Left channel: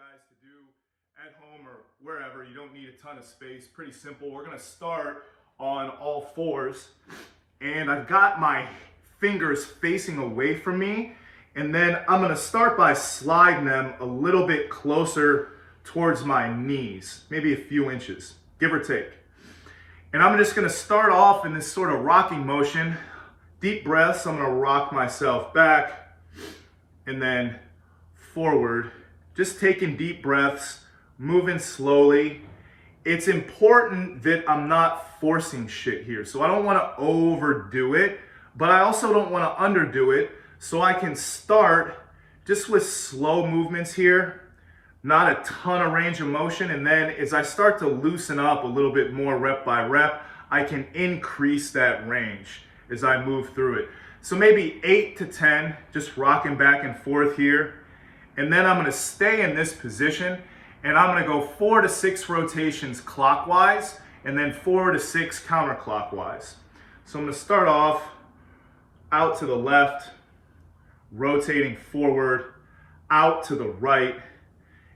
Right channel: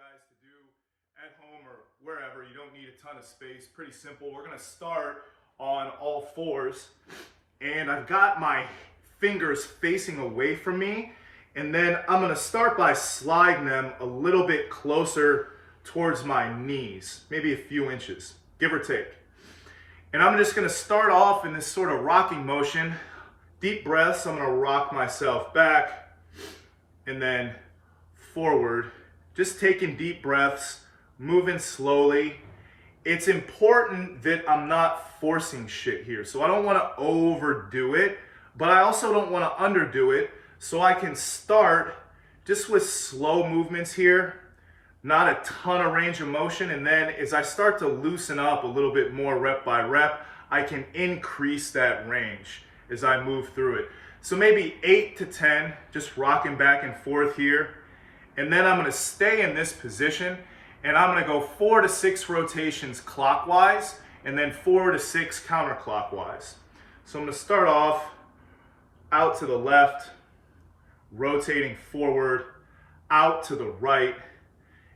guys to do at home or wherever. You don't need a ton of space. Pretty simple. We're going to start on all fours. And I've got my fingers facing away from me. And then I'm going to start by sliding them a little bit closer towards my knees, maybe a few inches, give or take. And I'm just going to start off in this sort of rocking motion. Deep breaths. I'm going to rock myself back and then forward. Just taking deep breaths, moving slowly. It's important that I'm not forcing shit here. So I don't want to overdo it, but I also don't want to underdo it. So I can start just with slow movements here, not a ton of range of motion. And then as I start to loosen up a little bit more rep by rep, I can increase that range as I move through it. So maybe 8 to 10, just rocking back and forth here. And then I'm going to stay in this position and I'm going to go 4 to 6 rotations clockwise and then 4 to 6 counterclockwise. So I'm going to start off out to the left, rotating forward, out to the right,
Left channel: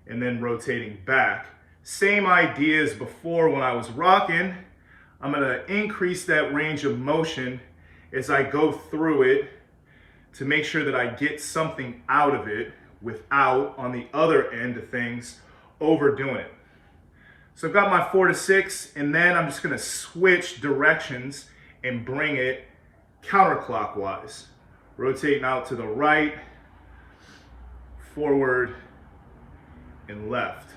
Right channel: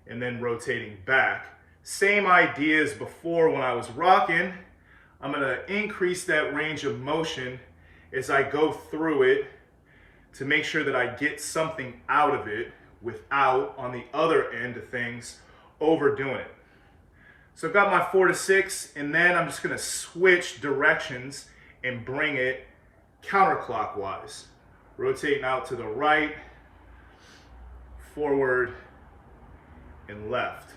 and then rotating back. Same idea as before when I was rocking. I'm going to increase that range of motion as I go through it to make sure that I get something out of it without, on the other end of things, overdoing it. So I've got my 4 to 6, and then I'm just going to switch directions and bring it counterclockwise. Rotating out to the right, forward, and left.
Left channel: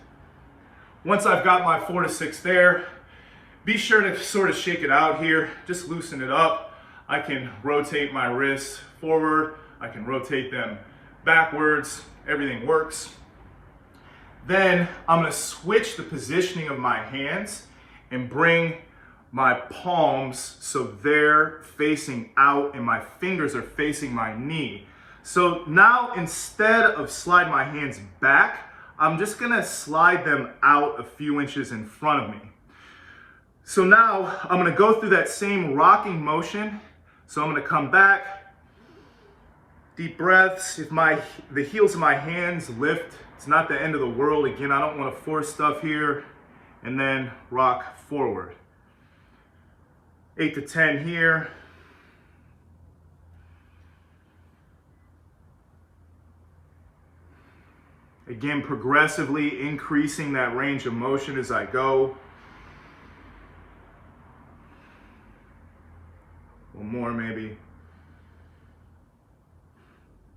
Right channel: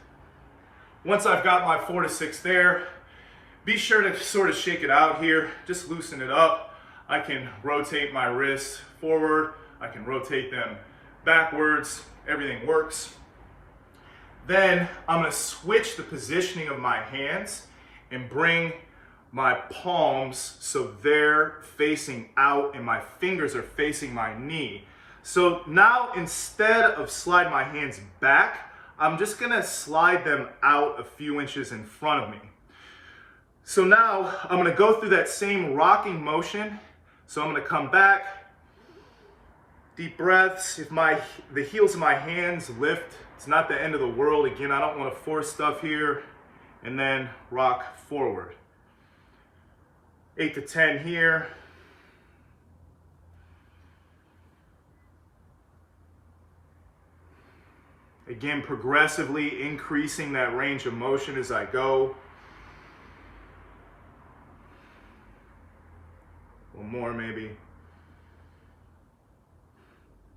Once I've got my 4 to 6 there, be sure to sort of shake it out here. Just loosen it up. I can rotate my wrists forward. I can rotate them backwards. Everything works. Then I'm going to switch the positioning of my hands and bring my palms so they're facing out and my fingers are facing my knee. So now instead of slide my hands back, I'm just going to slide them out a few inches in front of me. So now I'm going to go through that same rocking motion. So I'm going to come back, deep breaths. If the heels of my hands lift, it's not the end of the world. Again, I don't want to force stuff here. And then rock forward. 8 to 10 here. Again, progressively increasing that range of motion as I go. One more maybe.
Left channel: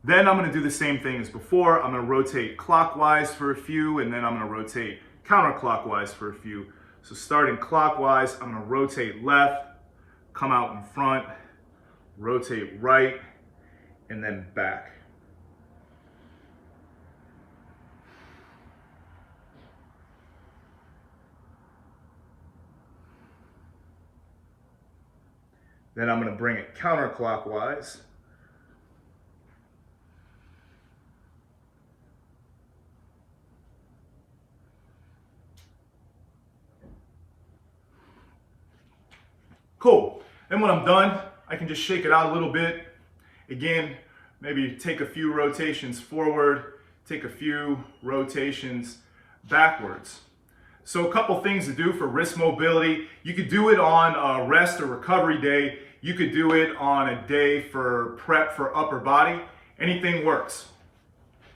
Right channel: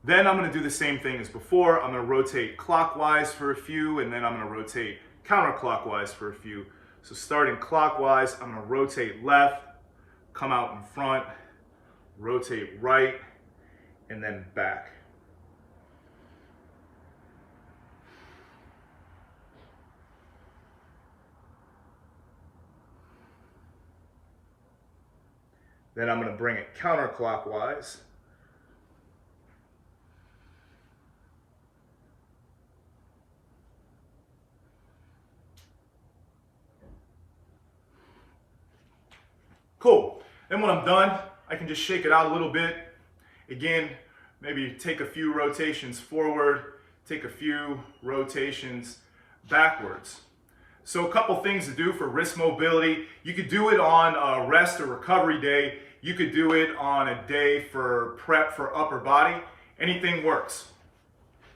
Then I'm going to do the same thing as before. I'm going to rotate clockwise for a few, and then I'm going to rotate counterclockwise for a few. So starting clockwise, I'm going to rotate left, come out in front, rotate right, and then back. Then I'm going to bring it counterclockwise. Cool. Then when I'm done, I can just shake it out a little bit. Again, maybe take a few rotations forward, take a few rotations backwards. So a couple things to do for wrist mobility. You could do it on a rest or recovery day. You could do it on a day for prep for upper body. Anything works.